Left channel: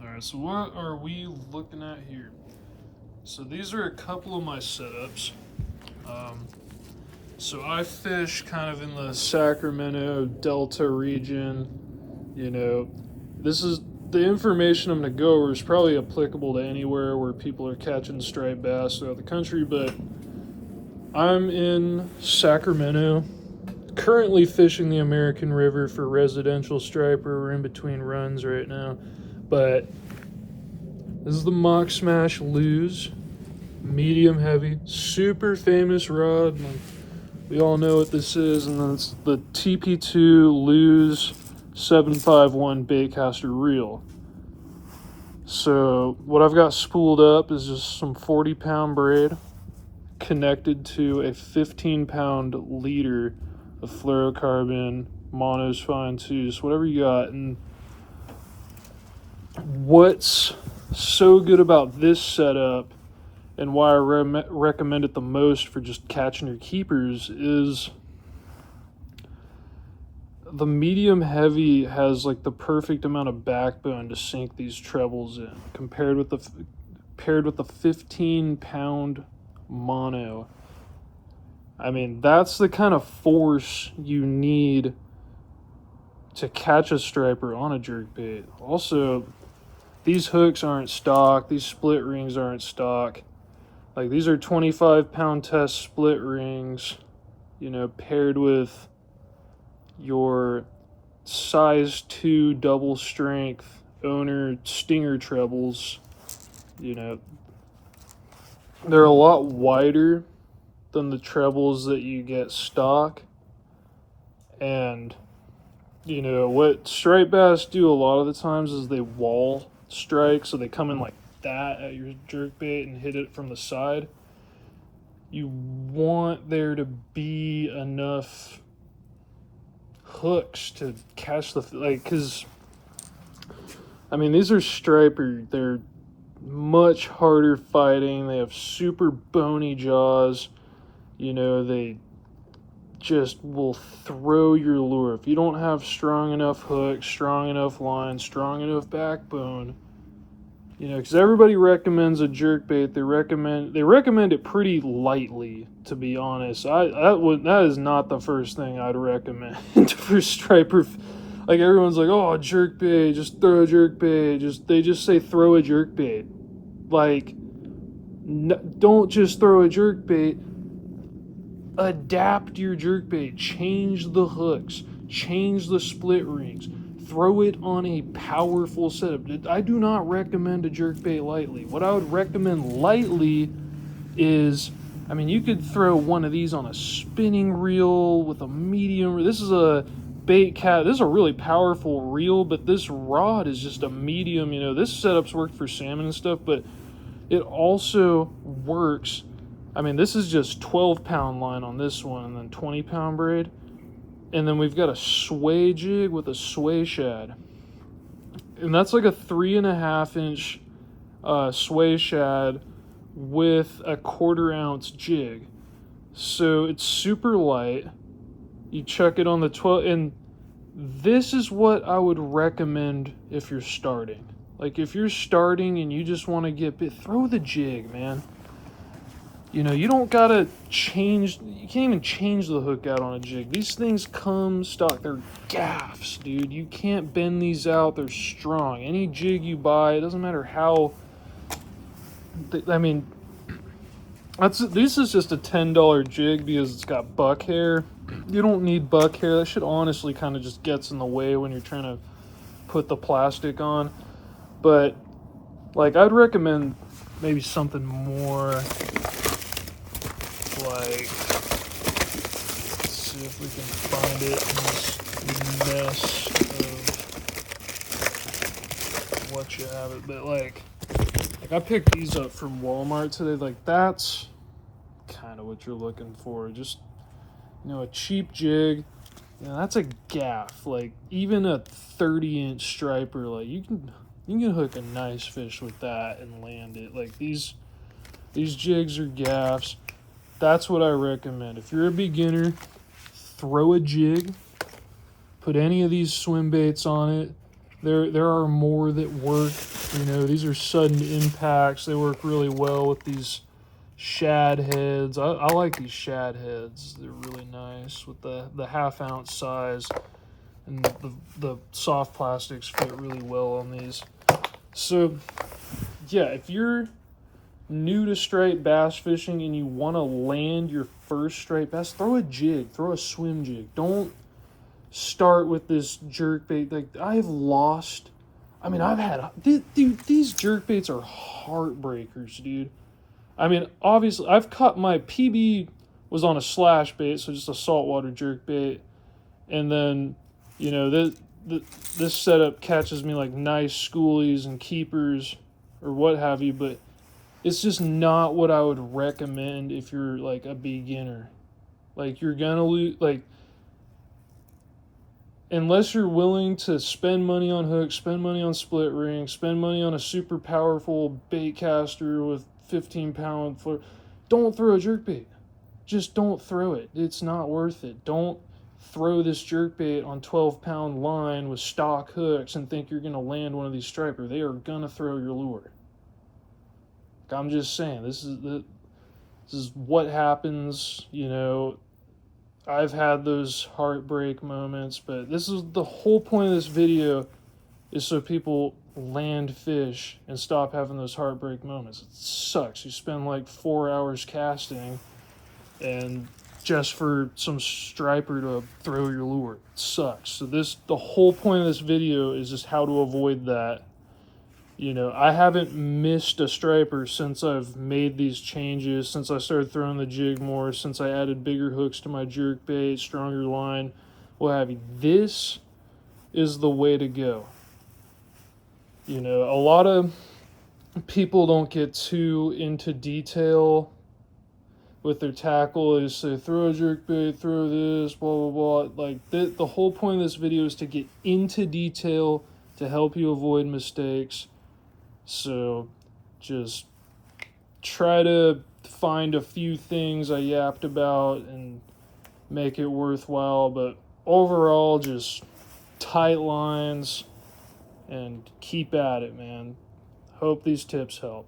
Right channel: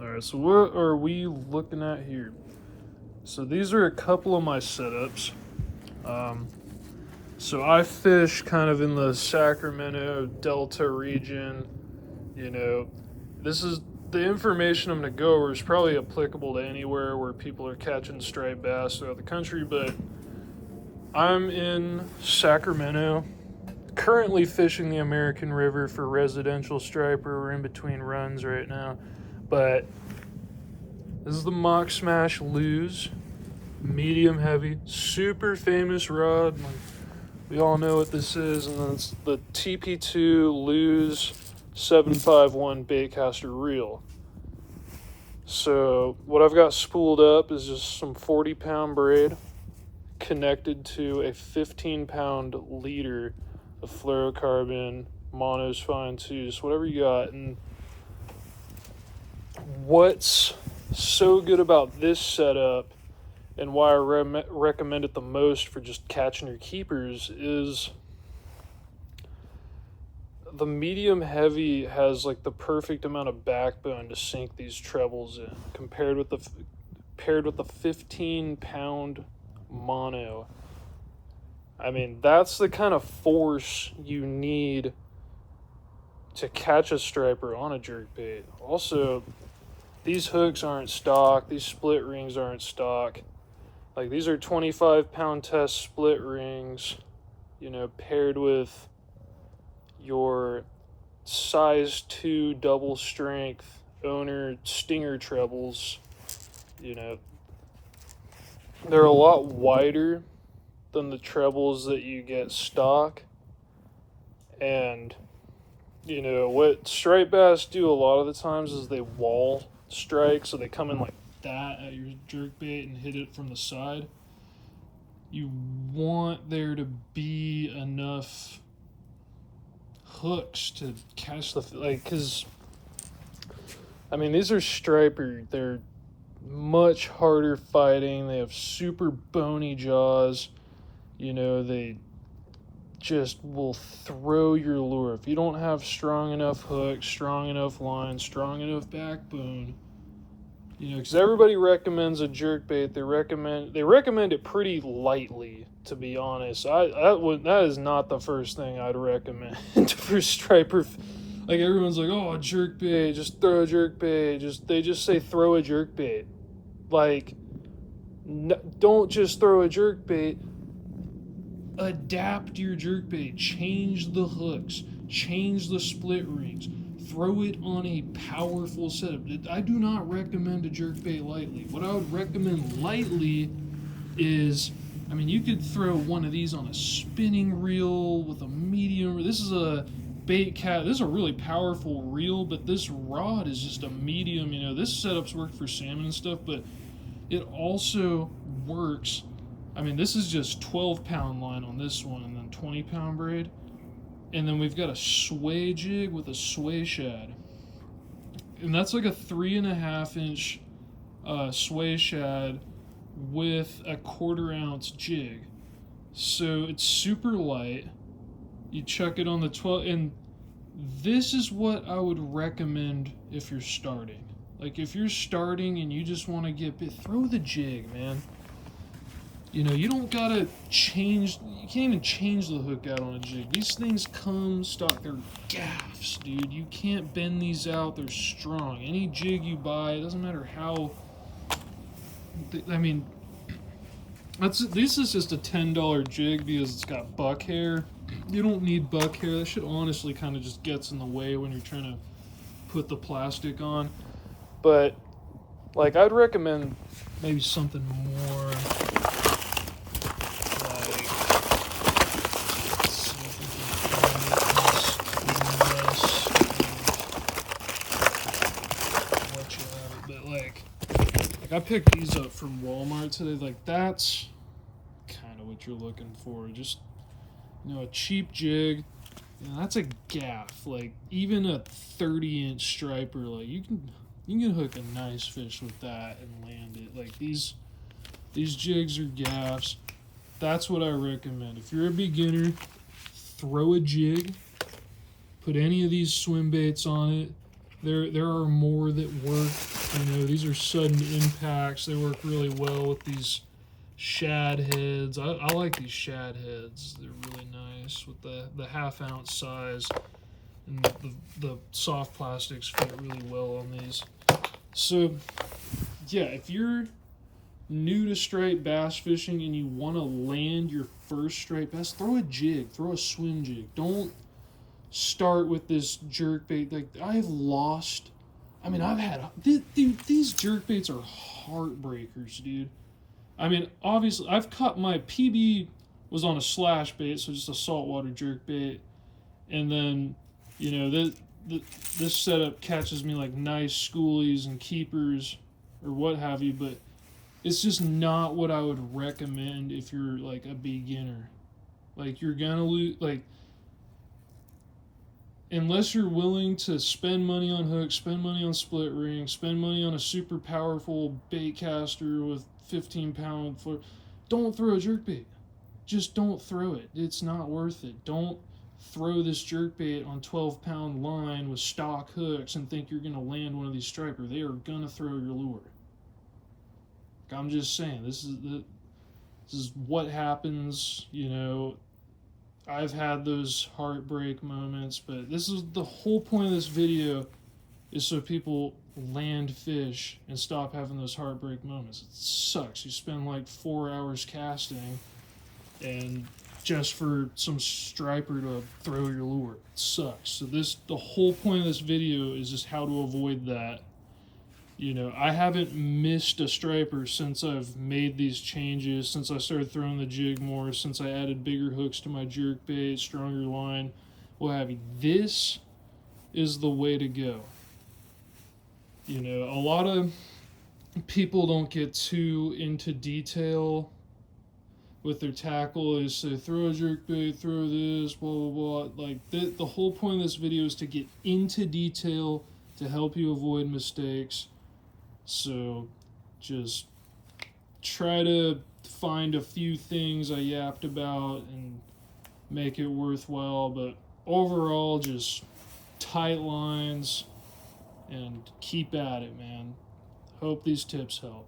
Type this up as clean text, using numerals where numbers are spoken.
All right, so what are we looking at here? So these are a couple of my setups. Um, so I fish kind of in the Sacramento Delta region. You know, this is the information I'm going to go over is probably applicable to anywhere where people are catching striped bass throughout the country, but I'm in Sacramento, currently fishing the American River for residential striper. We're in between runs right now, but this is the Mock Smash Lose, medium heavy, super famous rod. Like, we all know what this is, and it's the TP2 Lose 751 baitcaster reel. So what I've got spooled up is just some 40-pound braid connected to a 15-pound leader of fluorocarbon, monos, fine twos, whatever you got. And what's so good about this setup and why I recommend it the most for just catching your keepers is the medium heavy has like the perfect amount of backbone to sink these trebles in compared with the paired with the 15-pound mono. I mean, that's the kind of force you need to catch a striper on a jerkbait. Also, these hooks aren't stock, these split rings aren't stock. Like, these are 25-pound test split rings, you know, paired with your size 2 double strength owner stinger trebles. You know, they're a lot wider than the trebles that you get stock. And, you know, what striped bass do a lot of the times is they wall strike, so they come in like that at your jerkbait and hit it from the side. You want there to be enough hooks to catch the, like, because I mean, these are striper, they're much harder fighting, they have super bony jaws, you know, they just will throw your lure. If you don't have strong enough hooks, strong enough line, strong enough backbone, you know, because everybody recommends a jerkbait, they recommend it pretty lightly, to be honest. That is not the first thing I'd recommend for striper. Like, everyone's like, oh, jerkbait, just throw a jerkbait. They just say throw a jerkbait. Like, don't just throw a jerkbait. Adapt your jerkbait. Change the hooks. Change the split rings. Throw it on a powerful setup. I do not recommend a jerkbait lightly. What I would recommend lightly is, I mean, you could throw one of these on a spinning reel with a medium. This is a bait cat. This is a really powerful reel, but this rod is just a medium. You know, this setup's worked for salmon and stuff, but it also works. I mean, this is just 12-pound line on this one, and then 20-pound braid. And then we've got a sway jig with a sway shad. And that's like a 3.5-inch sway shad with a 1/4 ounce jig. So it's super light. You chuck it on the 12, and this is what I would recommend if you're starting. Like, if you're starting and you just want to get bit, throw the jig, man. You know, you don't gotta change, you can't even change the hook out on a jig. These things come stock, they're gaffs, dude. You can't bend these out, they're strong. Any jig you buy, it doesn't matter how, I mean, this is just a $10 jig because it's got buck hair. You don't need buck hair. That shit honestly kind of just gets in the way when you're trying to put the plastic on. But, like, I'd recommend maybe something more like, let's see if we can find it in this mess of what you have it. But like I picked these up from Walmart today. Like, that's kind of what you're looking for. Just, you know, a cheap jig. You know, that's a gaff. Like, even a 30-inch striper, like, you can hook a nice fish with that and land it. Like, these jigs are gaffs. That's what I recommend. If you're a beginner, throw a jig, put any of these swim baits on it, There are more that work. You know, these are sudden impacts. They work really well with these shad heads. I like these shad heads. They're really nice with the half-ounce size, and the soft plastics fit really well on these. So yeah, if you're new to striped bass fishing and you want to land your first striped bass, throw a jig, throw a swim jig. Don't start with this jerkbait. Like, I've lost. I mean, I've had, dude, these jerkbaits are heartbreakers, dude. I mean, obviously, I've caught my PB was on a slash bait, so just a saltwater jerkbait, and then, you know, this setup catches me like nice schoolies and keepers or what have you, but it's just not what I would recommend if you're like a beginner. Like, you're gonna lose, like, unless you're willing to spend money on hooks, spend money on split ring, spend money on a super powerful bait caster with 15-pound fluoro, don't throw a jerkbait. Just don't throw it. It's not worth it. Don't throw this jerkbait on 12-pound line with stock hooks and think you're gonna land one of these striper. They are gonna throw your lure. I'm just saying, this is what happens. You know, I've had those heartbreak moments, but this is the whole point of this video, is so people land fish and stop having those heartbreak moments. It sucks. You spend like 4 hours casting and just for some striper to throw your lure. It sucks. So the whole point of this video is just how to avoid that. You know, I haven't missed a striper since I've made these changes, since I started throwing the jig more, since I added bigger hooks to my jerkbait, stronger line, what have you. This is the way to go. You know, a lot of people don't get too into detail with their tackle. They say, throw a jerkbait, throw this, blah, blah, blah. Like, the whole point of this video is to get into detail to help you avoid mistakes. So just try to find a few things I yapped about and make it worthwhile. But overall, just tight lines and keep at it, man. Hope these tips help.